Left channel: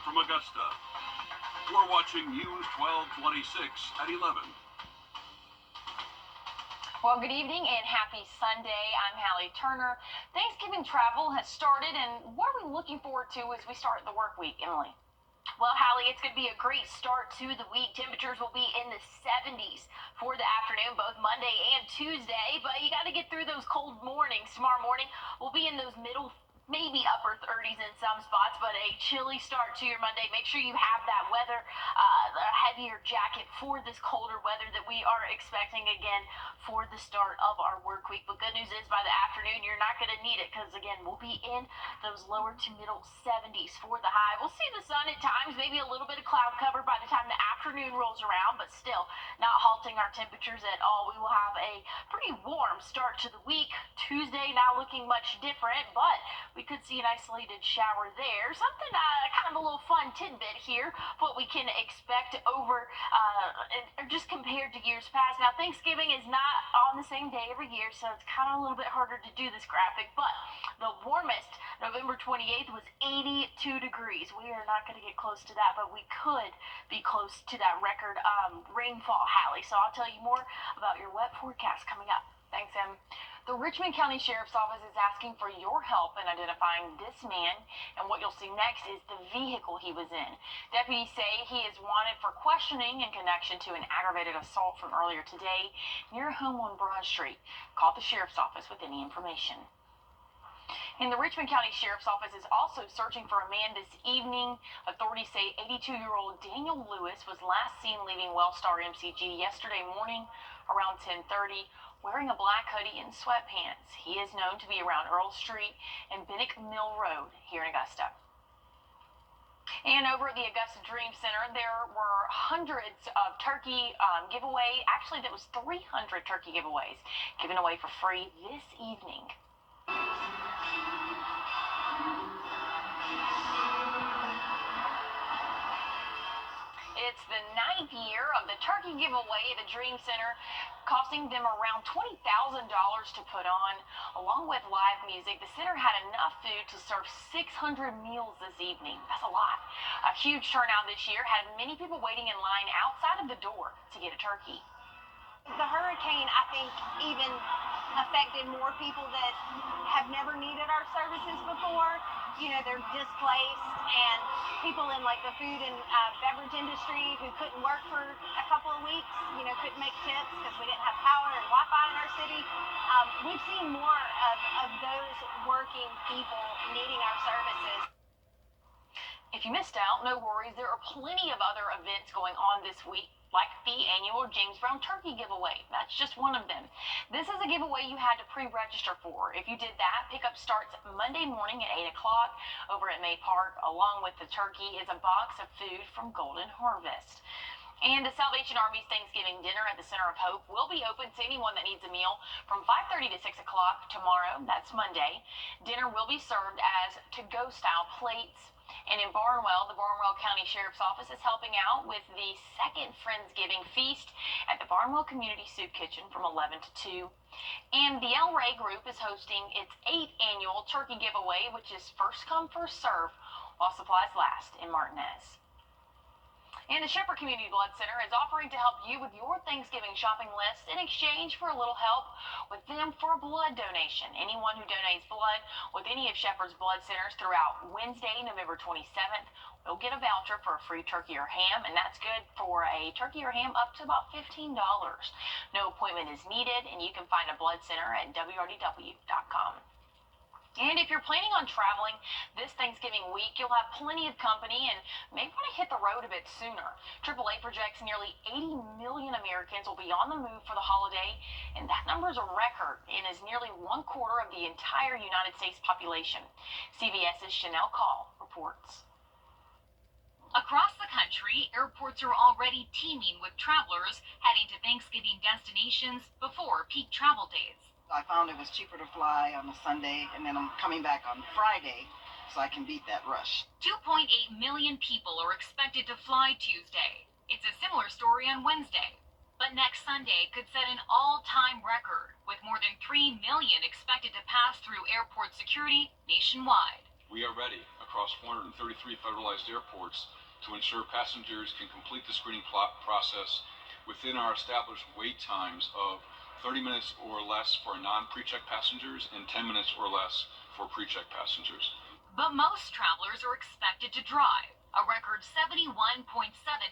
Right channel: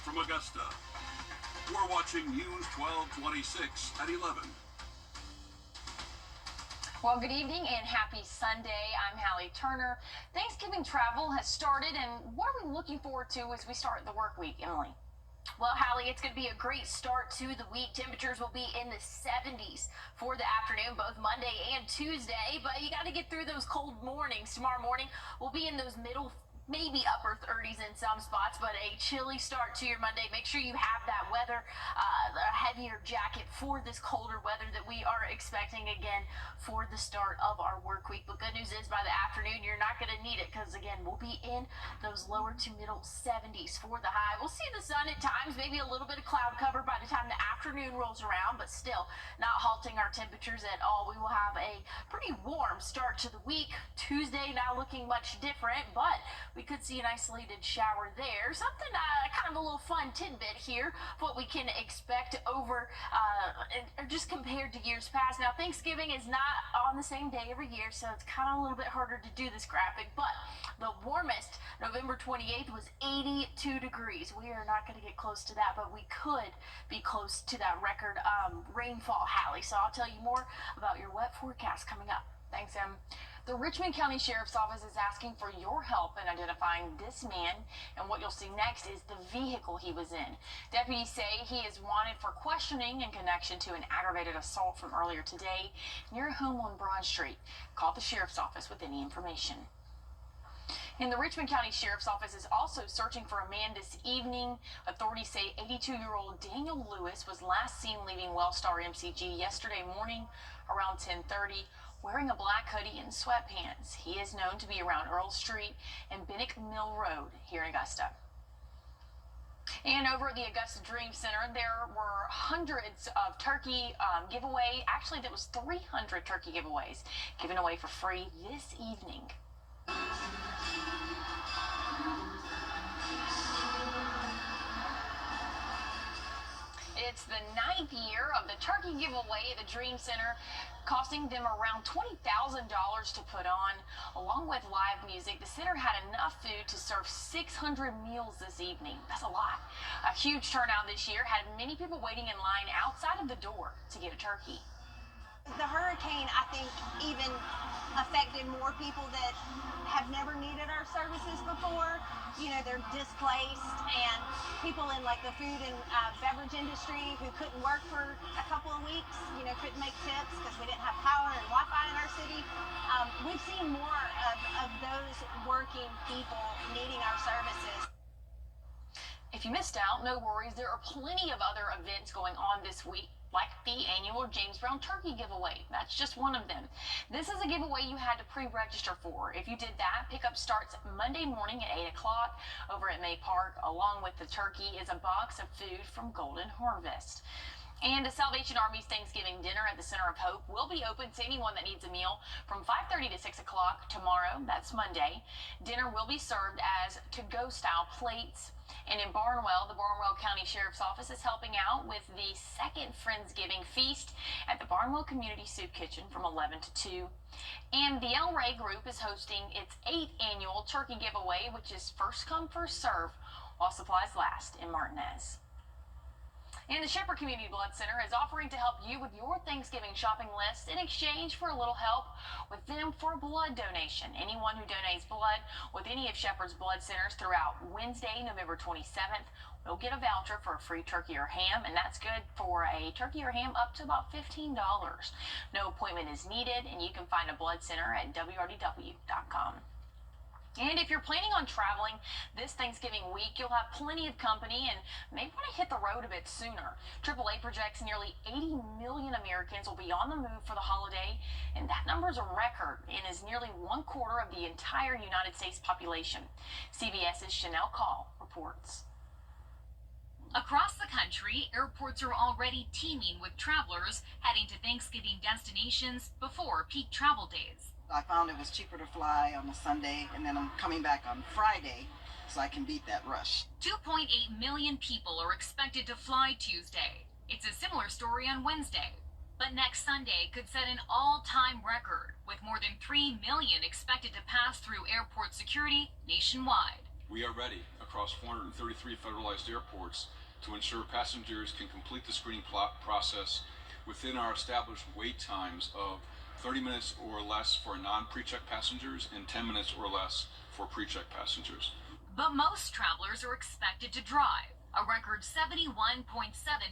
live from Augusta. We're watching News 1226 at 11. Well, good evening and happy Sunday. I'm Hallie Turner. Thanksgiving travel has started, and what are we looking forward to as we start the work week, Emily? Well, Hallie, it's going to be a great start to the week. Temperatures will be in the 70s for the afternoon, both Monday and Tuesday, but you got to get through those cold mornings. Tomorrow morning, we'll be in those middle, maybe upper 30s in some spots, but a chilly start to your Monday. Make sure you have that weather, a heavier jacket for this colder weather that we are expecting again for the start of our work week. But good news is by the afternoon, you're not going to need it because, again, we'll be in those lower to middle 70s for the high. We'll see the sun at times, maybe a little bit of cloud cover by the time the afternoon rolls around, but still not halting our temperatures at all. We will have a pretty warm start to the week. Tuesday not looking much different, but we could see an isolated shower there. Something kind of a little fun tidbit here, what we can expect over just compared to years past. Now, Thanksgiving is not on the same day every year, so it's kind of a little bit harder to do this graphic, but the warmest, November 28th, was 82 degrees. We are not going to get close to that, but we could be close to that record rainfall, Hallie. So I'll tell you more about your wet forecast coming up. Thanks, Em. The Richmond County Sheriff's Office is asking for your help in identifying this man, and what you'll see next is the vehicle he was in. Deputies say he is wanted for questioning in connection to an aggravated assault from earlier today near a home on Broad Street. Call the Sheriff's Office with any information. And the Richmond County Sheriff's Office is also searching for a man this evening. Authorities say 82-year-old Daniel Lewis was last seen leaving Wellstar MCG yesterday morning around 10:30. Wearing a black hoodie and sweatpants. He is known to be around Earl Street and Bennick Mill Road here in Augusta. And over at the Augusta Dream Center, there were hundreds of turkey giveaway. Actually, there was 300 turkey giveaways given away for free this evening. It's the 9th year of the turkey giveaway at the Dream Center, costing them around $20,000 to put on. Along with live music, the center had enough food to serve 600 meals this evening. That's a lot. A huge turnout this year had many people waiting in line outside of the door to get a turkey. The hurricane, I think, even affected more people that have never needed our services before. You know, they're displaced, and people in like the food and beverage industry who couldn't work for a couple of weeks, you know, couldn't make tips because we didn't have power and Wi-Fi in our city. We've seen more of those working people needing our services. If you missed out, no worries. There are plenty of other events going on this week, like the annual James Brown Turkey Giveaway. That's just one of them. This is a giveaway you had to pre-register for. If you did that, pickup starts Monday morning at 8 o'clock over at May Park. Along with the turkey is a box of food from Golden Harvest. And the Salvation Army's Thanksgiving dinner at the Center of Hope will be open to anyone that needs a meal from 5:30 to 6 o'clock tomorrow. That's Monday. Dinner will be served as to-go style plates. And in Barnwell, the Barnwell County Sheriff's Office is helping out with the second Friendsgiving feast at the Barnwell Community Soup Kitchen from 11 to 2. And the El Rey Group is hosting its 8th annual turkey giveaway, which is first come, first serve while supplies last in Martinez. And the Shepherd Community Blood Center is offering to help you with your Thanksgiving shopping list in exchange for a little help with them for a blood donation. Anyone who donates blood with any of Shepherd's blood centers throughout Wednesday, November 27th, will get a voucher for a free turkey or ham, and that's good for a turkey or ham up to about $15. No appointment is needed, and you can find a blood center at wrdw.com. And if you're planning on traveling this Thanksgiving week, you'll have plenty of company and may want to hit the road a bit sooner. AAA projects nearly 80 million Americans will be on the move for the holiday, and that number is a record and is nearly 1/4 of the entire United States population. CBS's Chanel Call reports. Across the country, airports are already teeming with travelers heading to Thanksgiving destinations before peak travel days. I found it was cheaper to fly on a Sunday, and then I'm coming back on Friday, so I can beat that rush. 2.8 million people are expected to fly Tuesday. It's a similar story on Wednesday. But next Sunday could set an all-time record, with more than 3 million expected to pass through airport security nationwide. We are ready across 433 federalized airports to ensure passengers can complete the screening process within our established wait times of 30 minutes or less for non-pre-check passengers and 10 minutes or less for pre-check passengers. But most travelers are expected to drive, a record 71.7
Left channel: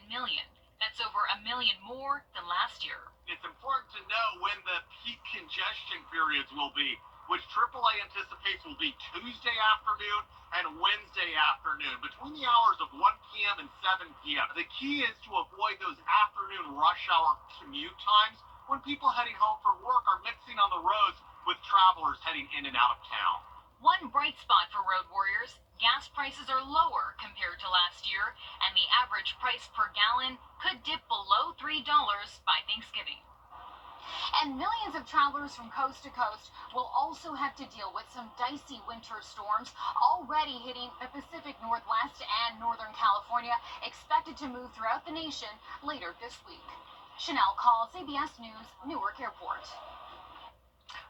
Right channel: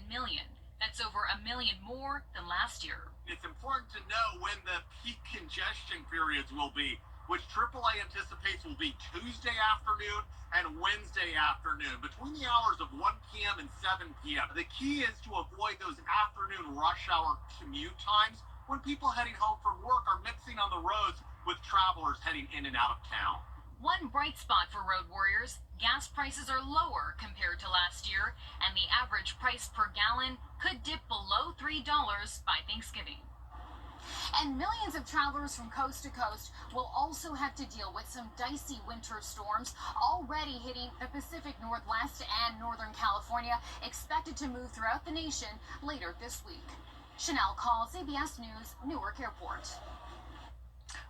million. That's over 1 million more than last year. It's important to know when the peak congestion periods will be, which AAA anticipates will be Tuesday afternoon and Wednesday afternoon, between the hours of 1 p.m. and 7 p.m. The key is to avoid those afternoon rush hour commute times when people heading home from work are mixing on the roads with travelers heading in and out of town. One bright spot for road warriors, gas prices are lower compared to last year, and the average price per gallon could dip below $3 by Thanksgiving. And millions of travelers from coast to coast will also have to deal with some dicey winter storms already hitting the Pacific Northwest and Northern California, expected to move throughout the nation later this week. Chanel Call, CBS News, Newark Airport.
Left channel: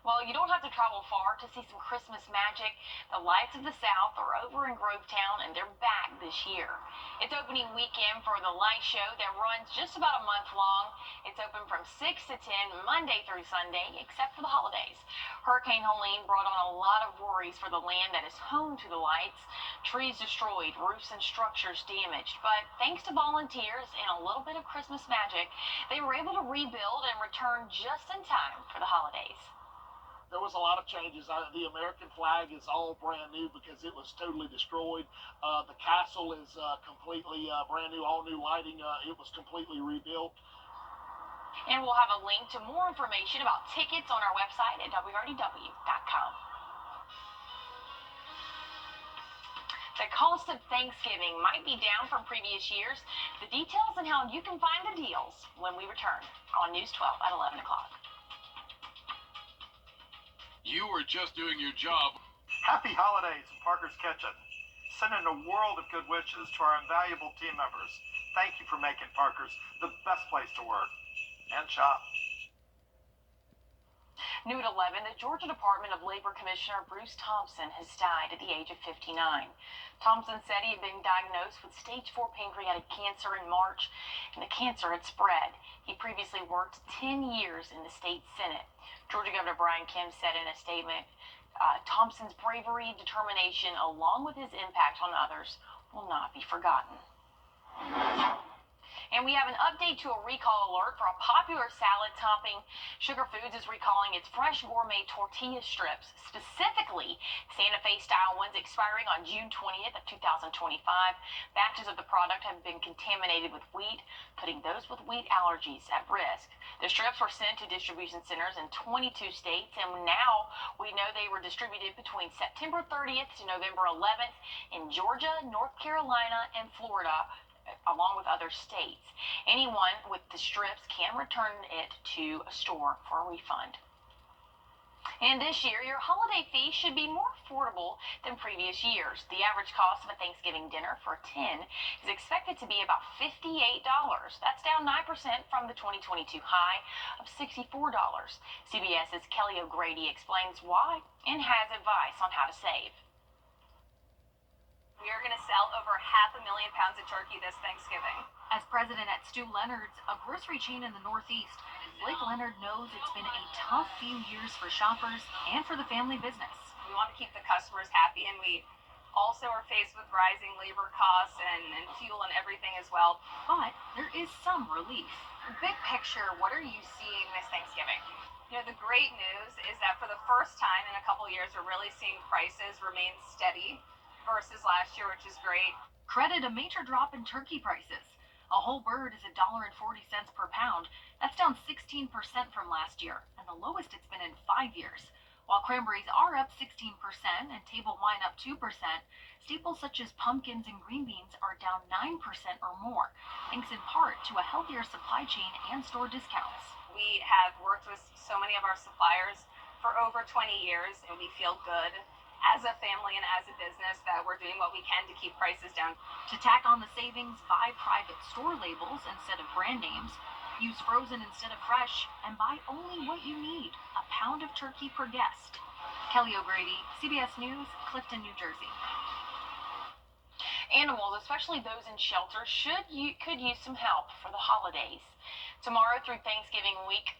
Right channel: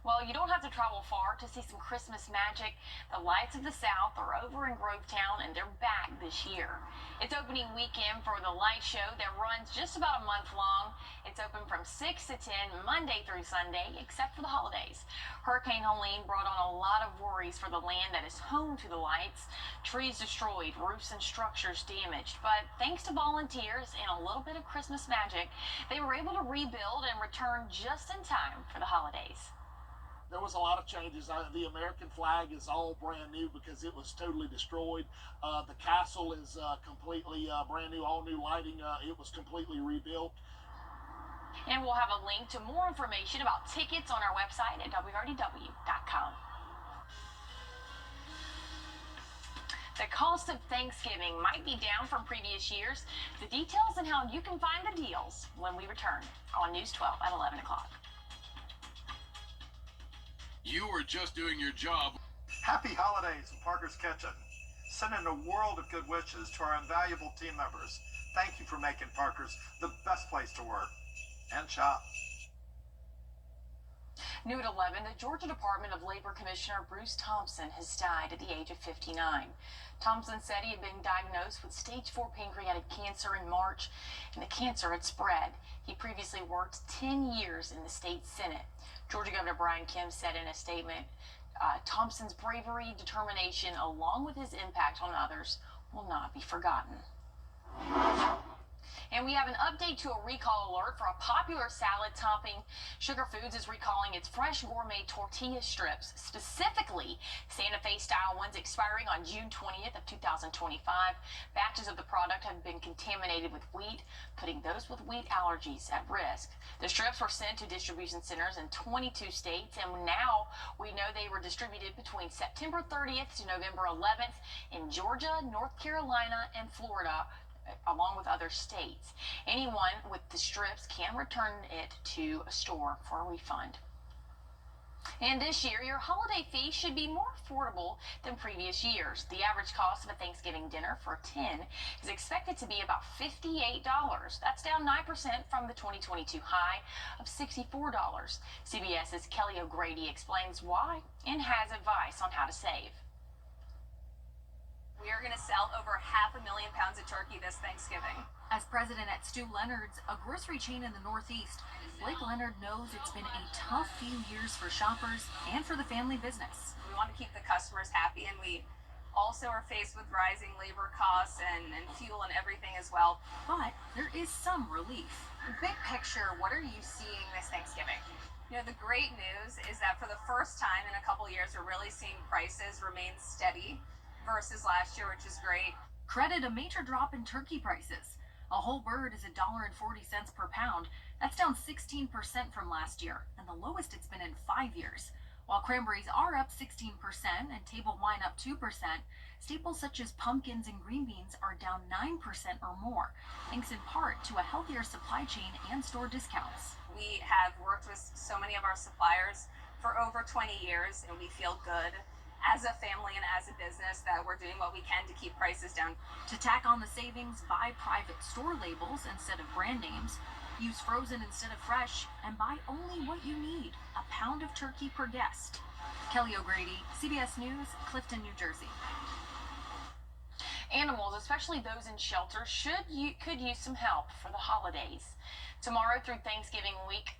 Well, you don't have to travel far to see some Christmas magic. The Lights of the South are over in Grovetown, and they're back this year. It's opening weekend for the light show that runs just about a month long. It's open from 6 to 10 Monday through Sunday, except for the holidays. Hurricane Helene brought on a lot of worries for the land that is home to the lights. Trees destroyed, roofs and structures damaged. But thanks to volunteers and a little bit of Christmas magic, they were able to rebuild and return just in time for the holidays. There was a lot of changes. The American flag is all brand new because it was totally destroyed. The castle is completely brand new, all new lighting. It was completely rebuilt. And we'll have a link to more information about tickets on our website at wrdw.com. The cost of Thanksgiving might be down from previous years. The details and how you can find the deals when we return on News 12 at 11 o'clock. You were just doing your job. Happy holidays in Parker's Kitchen. Sending a world of good wishes to our invaluable team members. Thank you for making Parker's the best place to work and shop. New at 11, the Georgia Department of Labor Commissioner Bruce Thompson has died at the age of 59. Thompson said he had been diagnosed with stage 4 pancreatic cancer in March, and the cancer had spread. He previously worked 10 years in the state Senate. Georgia Governor Brian Kemp said in a statement, Thompson's bravery, determination, along with his impact on others, will not be forgotten. And we have an update to a recall alert for a popular salad topping. Sugar Foods is recalling its fresh gourmet tortilla strips, specifically Santa Fe style ones expiring on June 20th of 2025. Batches of the product have been contaminated with wheat, putting those with wheat allergies at risk. The strips were sent to distribution centers in 22 states, and now we know they were distributed between September 30th to November 11th in Georgia, North Carolina, and Florida, along with other states. Anyone with the strips can return it to a store for a refund. And this year, your holiday feast should be more affordable than previous years. The average cost of a Thanksgiving dinner for 10 is expected to be about $58. That's down 9% from the 2022 high of $64. CBS's Kelly O'Grady explains why and has advice on how to save. We are going to sell over 500,000 pounds of turkey this Thanksgiving. As president at Stu Leonard's, a grocery chain in the Northeast, Blake Leonard knows it's been a tough few years for shoppers and for the family business. We want to keep the customers happy, and we also are faced with rising labor costs and fuel and everything as well. But there is some relief. Big picture, what are you seeing this Thanksgiving? You know, the great news is that for the first time in a couple years, we're really seeing prices remain steady versus last year, which is great. Credit a major drop in turkey prices. A whole bird is $1.40 per pound. That's down 16% from last year, and the lowest it's been in 5 years. While cranberries are up 16% and table wine up 2%, staples such as pumpkins and green beans are down 9% or more, thanks in part to a healthier supply chain and store discounts. We have worked with so many of our suppliers for over 20 years, and we feel good as a family and as a business that we're doing what we can to keep prices down. To tack on the savings, buy private store labels instead of brand names, use frozen instead of fresh, and buy only what you need, a pound of turkey per guest. Kelly O'Grady, CBS News, Clifton, New Jersey. Animals, especially those in shelters, could use some help for the holidays. Tomorrow through Thanksgiving week,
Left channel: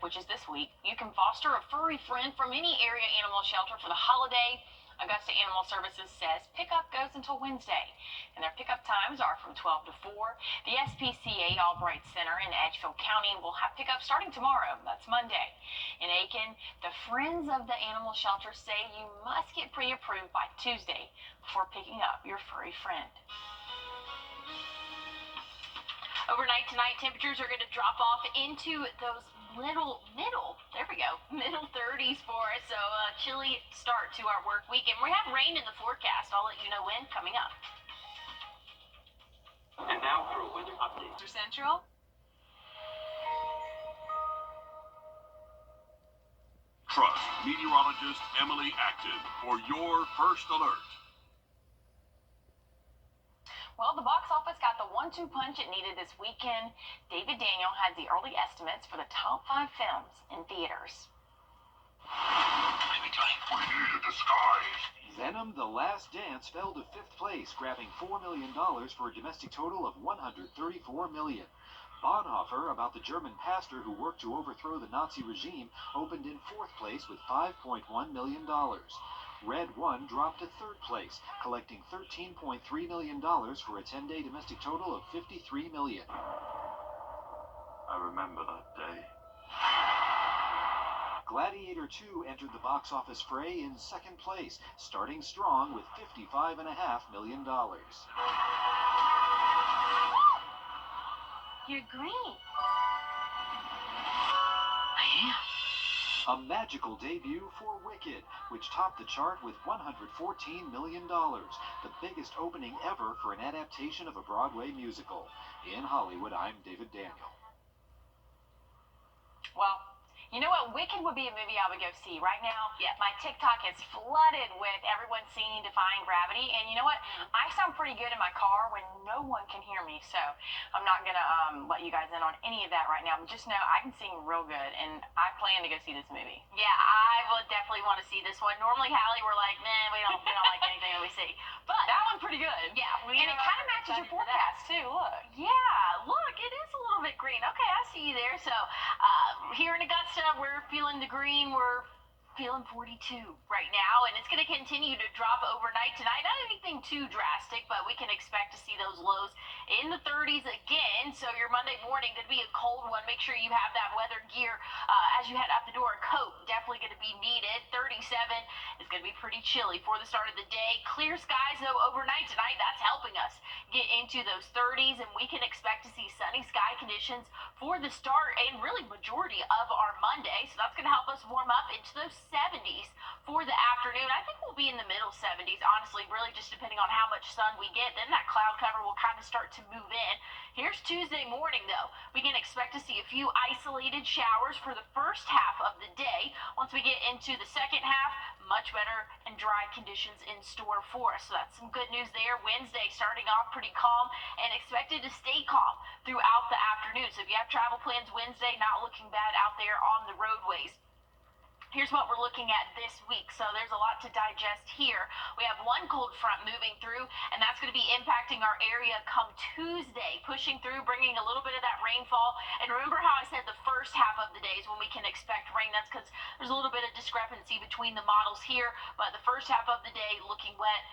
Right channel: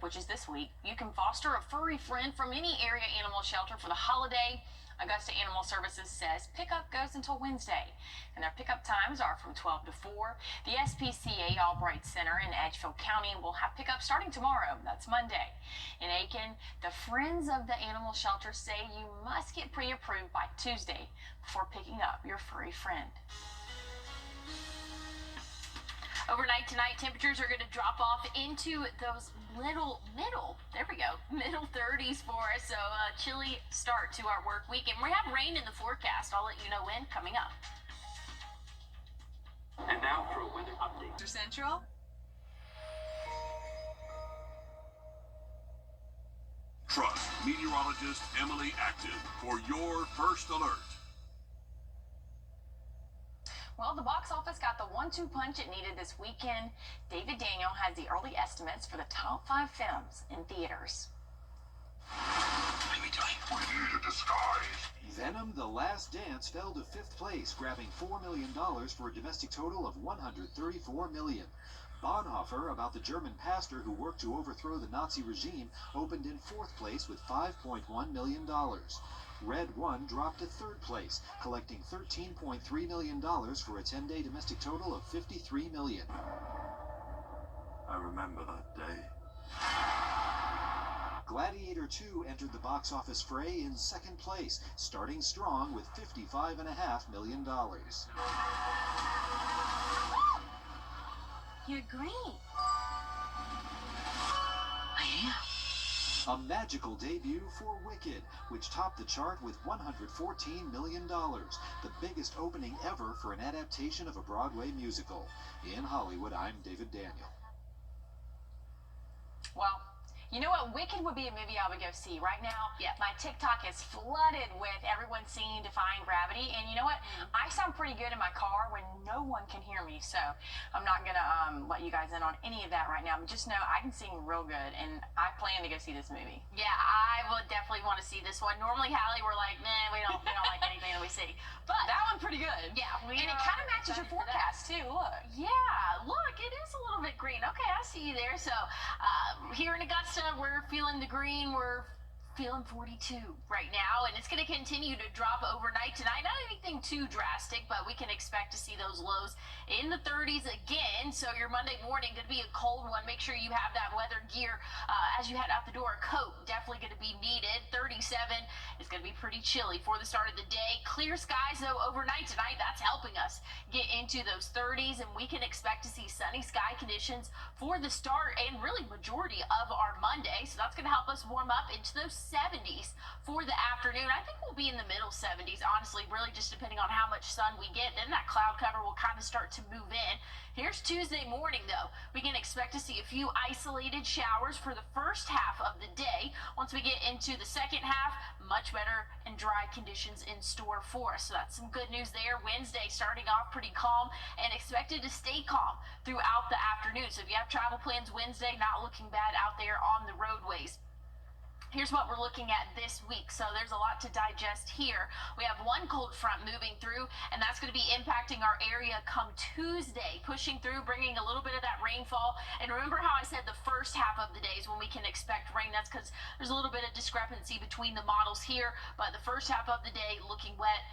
which is this week, you can foster a furry friend from any area animal shelter for the holiday. Augusta Animal Services says pickup goes until Wednesday, and their pickup times are from 12 to 4. The SPCA Albright Center in Edgefield County will have pickup starting tomorrow. That's Monday. In Aiken, the Friends of the Animal Shelter say you must get pre-approved by Tuesday before picking up your furry friend. Overnight tonight, temperatures are going to drop off into those middle 30s for us. So a chilly start to our work week. And we have rain in the forecast. I'll let you know when coming up. And now for a weather update. Central. Trust meteorologist Emily Acton for your first alert. Well, the box office got the 1-2 punch it needed this weekend. David Daniel has the early estimates for the top 5 films in theaters. We need a disguise. Venom: The Last Dance fell to 5th place, grabbing $4 million for a domestic total of $134 million. Bonhoeffer, about the German pastor who worked to overthrow the Nazi regime, opened in 4th place with $5.1 million. Red One dropped to 3rd place, collecting $13.3 million for a 10-day domestic total of $53 million. I remember that day. Gladiator 2 entered the box office fray in 2nd place, starting strong with $55.5 million. You're green. I am. A magical debut for Wicked, which topped the chart with $114 million, the biggest opening ever for an adaptation of a Broadway musical. In Hollywood, I'm David Daniel. Well, you know what? Wicked would be a movie I would go see right now. Yeah, my TikTok is flooded with everyone seeing Defying Gravity, and you know what? I sound pretty good in my car when no one can hear me, so I'm not gonna let you guys in on any of that right now. But just know I can sing real good, and I plan to go see this movie. Yeah, I would definitely want to see this one. Normally, Hallie, we're like, man, we don't like anything that we see, but that one's pretty good. Yeah, and it kind of matches your forecast too. Look. Yeah, look, it is a little bit green. Okay, I see you there. So here in Augusta, we're feeling the green. We're feeling 42 right now, and it's going to continue to drop overnight tonight. Not anything too drastic, but we can expect to see those lows in the 30s again. So your Monday morning going to be a cold one. Make sure you have that weather gear as you head out the door. A coat definitely going to be needed. 37 is going to be pretty chilly for the start of the day. Clear skies though overnight tonight. That's helping us get into those 30s, and we can expect to see sunny sky conditions for the start and really majority of our Monday. So that's going to help us warm up into those 70s for the afternoon. I think we'll be in the middle 70s, honestly, really just depending on how much sun we get. Then that cloud cover will kind of start to move in. Here's Tuesday morning, though. We can expect to see a few isolated showers for the first half of the day. Once we get into the second half, much better and dry conditions in store for us. So that's some good news there. Wednesday starting off pretty calm and expected to stay calm throughout the afternoon. So if you have travel plans Wednesday, not looking bad out there on the roadways. Here's what we're looking at this week. So there's a lot to digest here. We have one cold front moving through, and that's going to be impacting our area come Tuesday, pushing through, bringing a little bit of that rainfall. And remember how I said the first half of the day is when we can expect rain. That's because there's a little bit of discrepancy between the models here, but the first half of the day looking wet,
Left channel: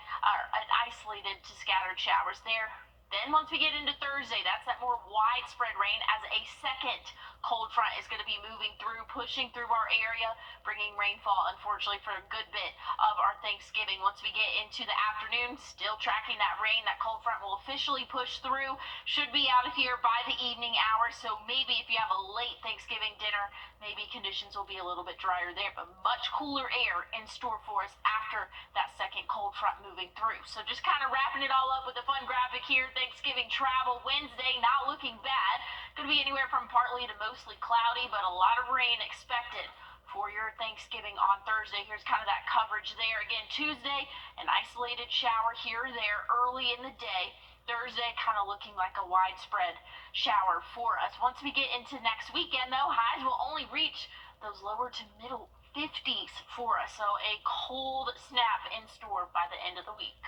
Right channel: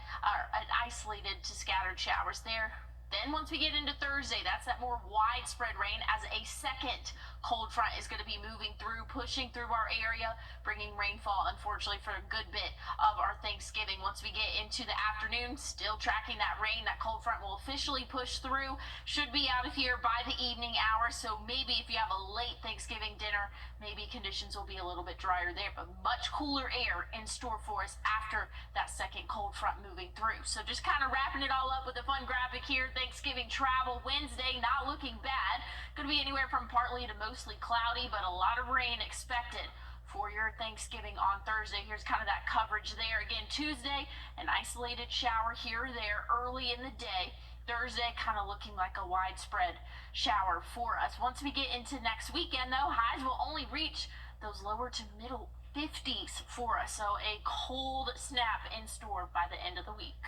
isolated to scattered showers there. Then once we get into Thursday, that's that more widespread rain as a second cold front is going to be moving through, pushing through our area, bringing rainfall, unfortunately, for a good bit of our Thanksgiving. Once we get into the afternoon, still tracking that rain, that cold front will officially push through, should be out of here by the evening hours. So maybe if you have a late Thanksgiving dinner, maybe conditions will be a little bit drier there, but much cooler air in store for us after that second cold front moving through. So just kind of wrapping it all up with a fun graphic here. Thanksgiving travel Wednesday, not looking bad. Going to be anywhere from partly to mostly cloudy, but a lot of rain expected for your Thanksgiving on Thursday. Here's kind of that coverage there. Again, Tuesday, an isolated shower here or there early in the day. Thursday, kind of looking like a widespread shower for us. Once we get into next weekend, though, highs will only reach those lower to middle 50s for us. So a cold snap in store by the end of the week.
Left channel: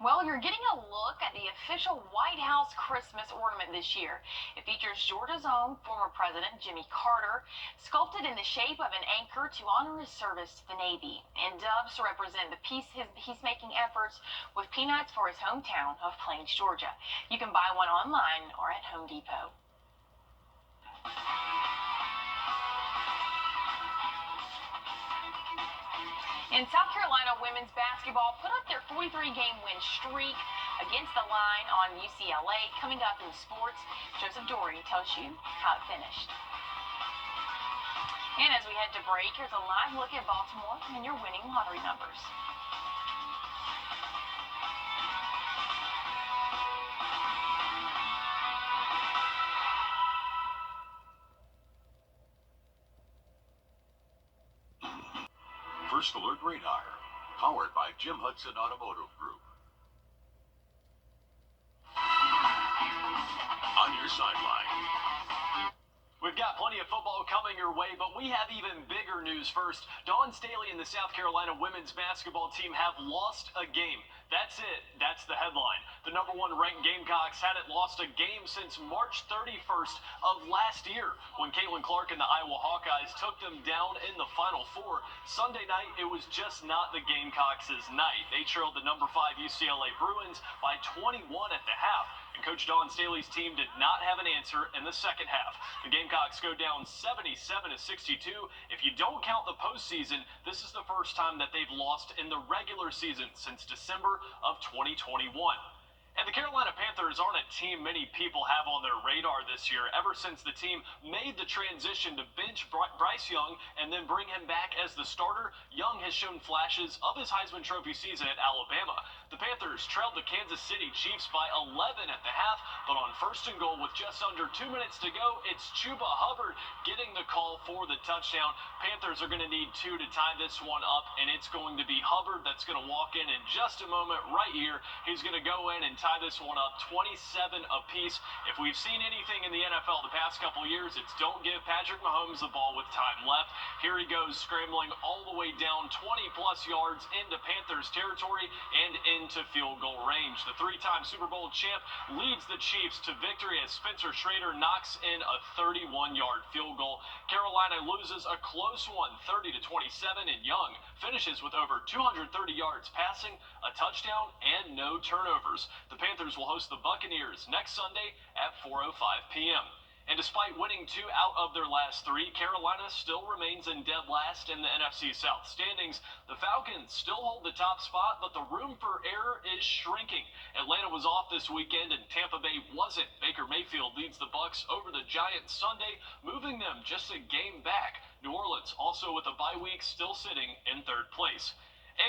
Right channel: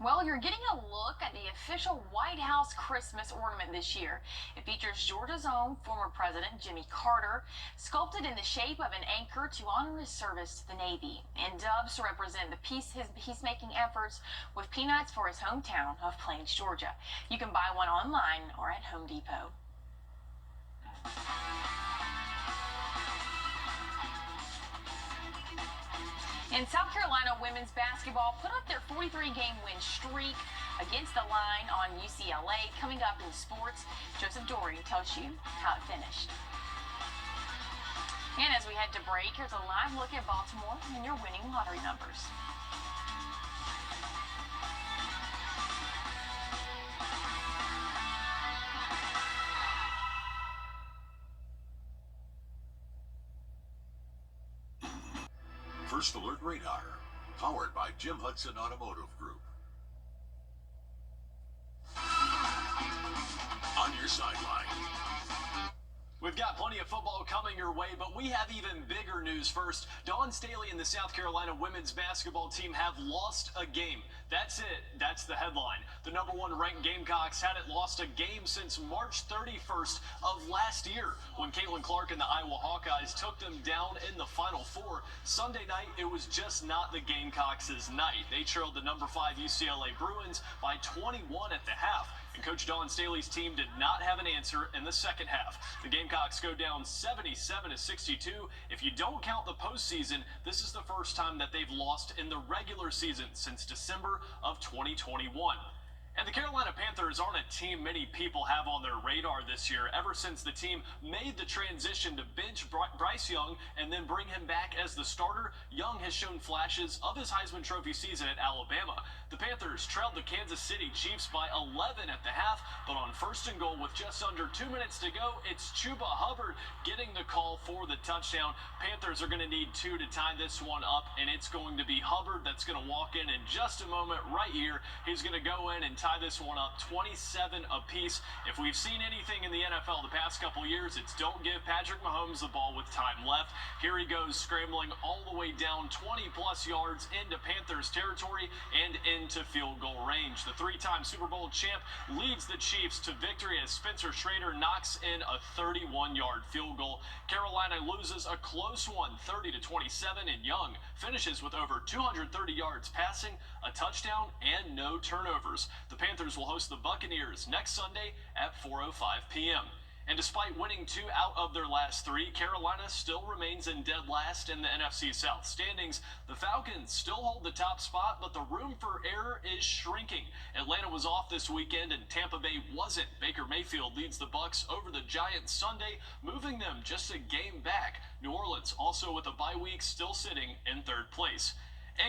Well, you're getting a look at the official White House Christmas ornament this year. It features Georgia's own former President Jimmy Carter, sculpted in the shape of an anchor to honor his service to the Navy, and doves to represent his peacemaking efforts with peanuts for his hometown of Plains, Georgia. You can buy one online or at Home Depot. In South Carolina, women's basketball put up their 43-game win streak against the line on UCLA. Coming up in sports, Joseph Dory tells you how it finished. And as we head to break, here's a live look at Baltimore and your winning lottery numbers. First Alert Radar, powered by Jim Hudson Automotive Group. On your sideline. We've got plenty of football coming your way, but we have even bigger news first. Dawn Staley and the South Carolina women's basketball team have lost a game. That's it. That's the headline. The number one ranked Gamecocks hadn't lost a game since March 31st of last year when Caitlin Clark and the Iowa Hawkeyes took them down in the Final Four. Sunday night, it was just not the Gamecocks' night. They trailed the number 5 UCLA Bruins by 21 at the half. And Coach Dawn Staley's team did not have an answer in the second half. The Gamecocks go down 77-62. If you don't count the postseason, this is the first time that they've lost in the regular season since December of 2021. And the Carolina Panthers aren't a team many people have on their radar this year, ever since the team made the transition to bench Bryce Young and then bring him back as the starter. Young has shown flashes of his Heisman Trophy season at Alabama. The Panthers trailed the Kansas City Chiefs by 11 at the half, but on first and goal with just under 2 minutes to go, it's Chuba Hubbard getting the call for the touchdown. Panthers are going to need 2 to tie this one up, and it's going to be Hubbard that's going to walk in just a moment right here. He's going to go in and tie this one up 27 apiece. If we've seen anything in the NFL the past couple years, it's don't give Patrick Mahomes the ball with time left. Here he goes scrambling all the way down 20-plus yards into Panthers territory and into field goal range. The 3-time Super Bowl champ leads the Chiefs to victory as Spencer Schrader knocks in a 31-yard field goal. Carolina loses a close one, 30-27, and Young finishes with over 230 yards passing, a touchdown, and no turnovers. The Panthers will host the Buccaneers next Sunday at 4:05 p.m. And despite winning 2 out of their last 3, Carolina still remains in dead last in the NFC South standings. The Falcons still hold the top spot, but the room for error is shrinking. Atlanta was off this weekend and Tampa Bay wasn't. Baker Mayfield leads the Bucs over the Giants Sunday, moving them just a game back. New Orleans, also with a bye week, still sitting in 3rd place.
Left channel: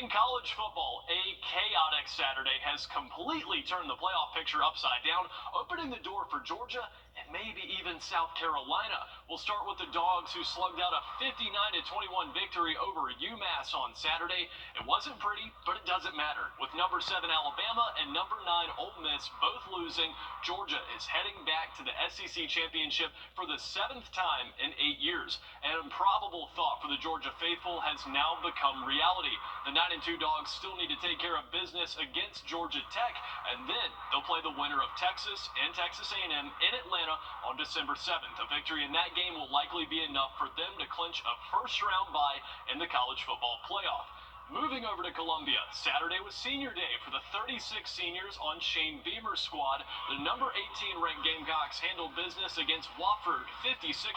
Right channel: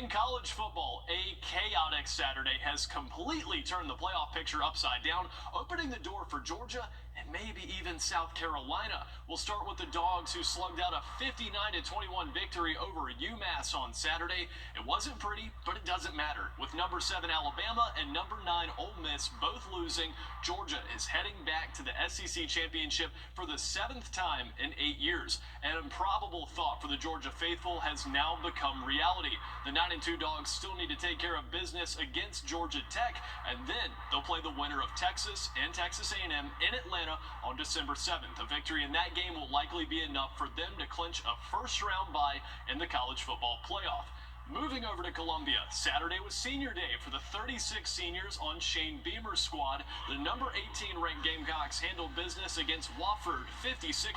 In college football, a chaotic Saturday has completely turned the playoff picture upside down, opening the door for Georgia and maybe even South Carolina. We'll start with the Dogs, who slugged out a 59-21 victory over UMass on Saturday. It wasn't pretty, but it doesn't matter. With number 7 Alabama and number 9 Ole Miss both losing, Georgia is heading back to the SEC championship for the 7th time in 8 years. An improbable thought for the Georgia faithful has now become reality. The 9-2 Dogs still need to take care of business against Georgia Tech, and then they'll play the winner of Texas and Texas A&M in Atlanta on December 7th. A victory in that game will likely be enough for them to clinch a first-round bye in the college football playoff. Moving over to Columbia, Saturday was senior day for the 36 seniors on Shane Beamer's squad. The number 18 ranked Gamecocks handled business against Wofford 56-12.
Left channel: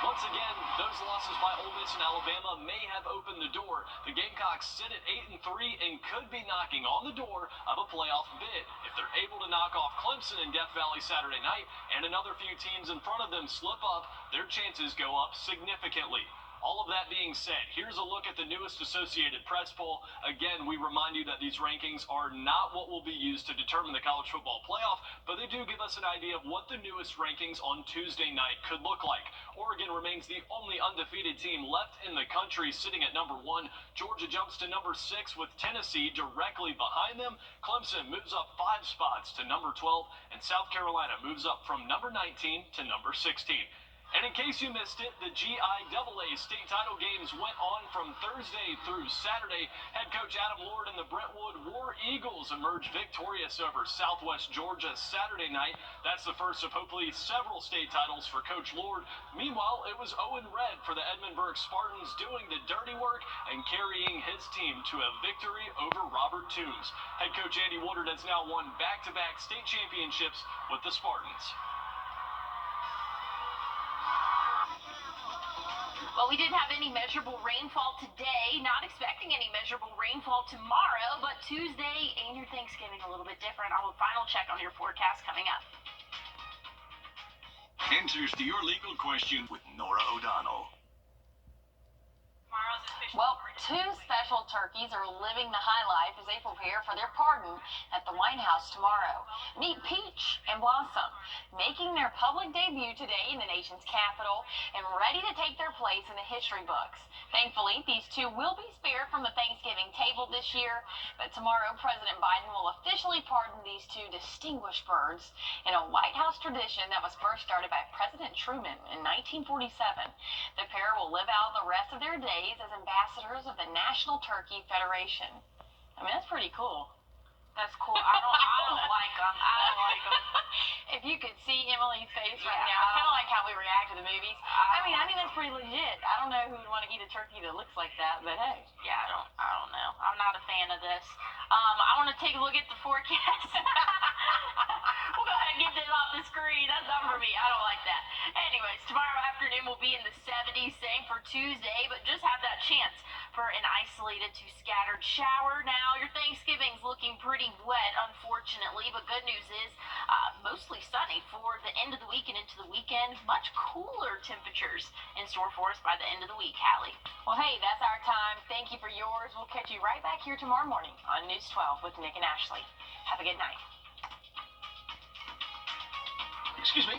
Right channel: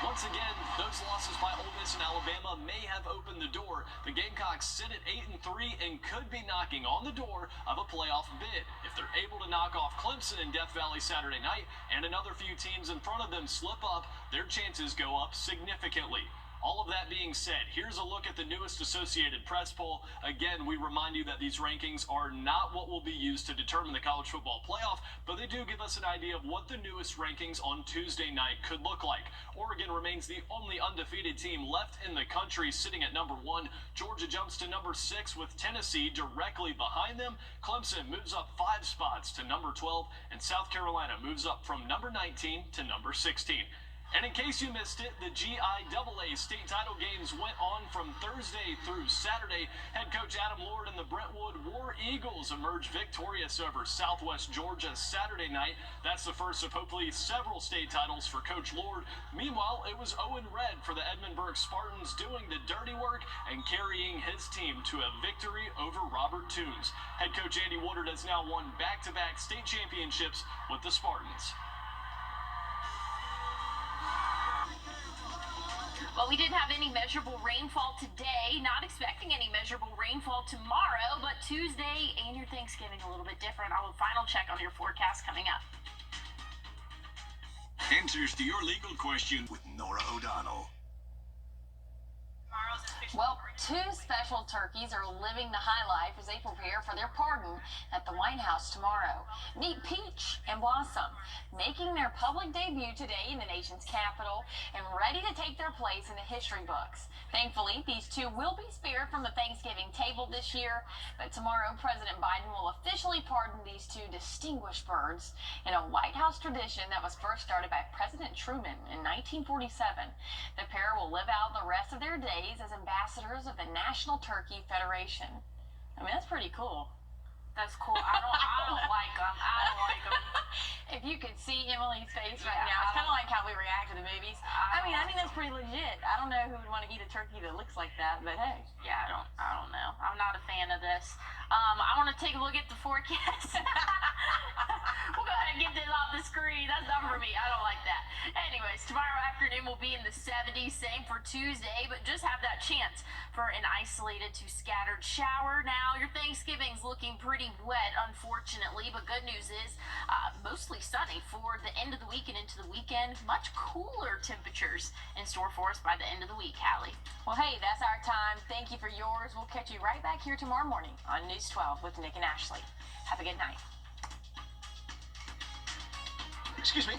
Once again, those losses by Ole Miss and Alabama may have opened the door. The Gamecocks sit at 8-3 and could be knocking on the door of a playoff bid. If they're able to knock off Clemson in Death Valley Saturday night and another few teams in front of them slip up, their chances go up significantly. All of that being said, here's a look at the newest Associated Press poll. Again, we remind you that these rankings are not what will be used to determine the college football playoff, but they do give us an idea of what the newest rankings on Tuesday night could look like. Oregon remains the only undefeated team left in the country, sitting at number 1. Georgia jumps to number 6 with Tennessee directly behind them. Clemson moves up 5 spots to number 12, and South Carolina moves up from number 19 to number 16. And in case you missed it, the GIAA state title games went on from Thursday through Saturday. Head coach Adam Lord and the Brentwood War Eagles emerged victorious over Southwest Georgia Saturday night. That's the first of hopefully several state titles for Coach Lord. Meanwhile, it was Owen Red for the Edmundburg Spartans doing the dirty work and carrying his team to a victory over Robert Toombs. Head coach Andy Woodard has now won back-to-back state championships with the Spartans. Well, we didn't have any measurable rainfall today. Not expecting any measurable rainfall tomorrow, but Tuesday and your Thanksgiving a little bit different. I'll final check on your forecast coming up. Answers to your legal question with Nora O'Donnell. Well, two special turkeys are living the high life as they prepare for their pardon at the White House tomorrow. Meet Peach and Blossom, making their public debut today in the nation's capital and ready to take their place in the history books. Thankfully, these two will be spared from the Thanksgiving table this year, but tomorrow President Biden will officially pardon these two distinguished birds in a White House tradition that was first started by President Truman in 1947. The pair will live out the rest of their days as ambassadors of the National Turkey Federation. I mean, that's pretty cool. That's cool. I don't like them. I don't like them. If you could see Emily's face right now, it's kind of like how we react to the movies. I think that's pretty legit. I don't know who would want to eat a turkey that looks like that, but hey. Yeah, I don't know. I'm not a fan of this. I want to take a look at the forecast. We'll go ahead and get this off the screen. That's not for me. I don't like that. Anyways, tomorrow afternoon we'll be in the 70s. Same for Tuesday, but just have that chance for an isolated to scattered shower. Now, your Thanksgiving's looking pretty wet, unfortunately, but good news is mostly sunny for the end of the week and into the weekend. Much cooler temperatures in store for us by the end of the week, Hallie. Well, hey, that's our time. Thank you for yours. We'll catch you right back here tomorrow morning on News 12 with Nick and Ashley. Have a good night. Excuse me.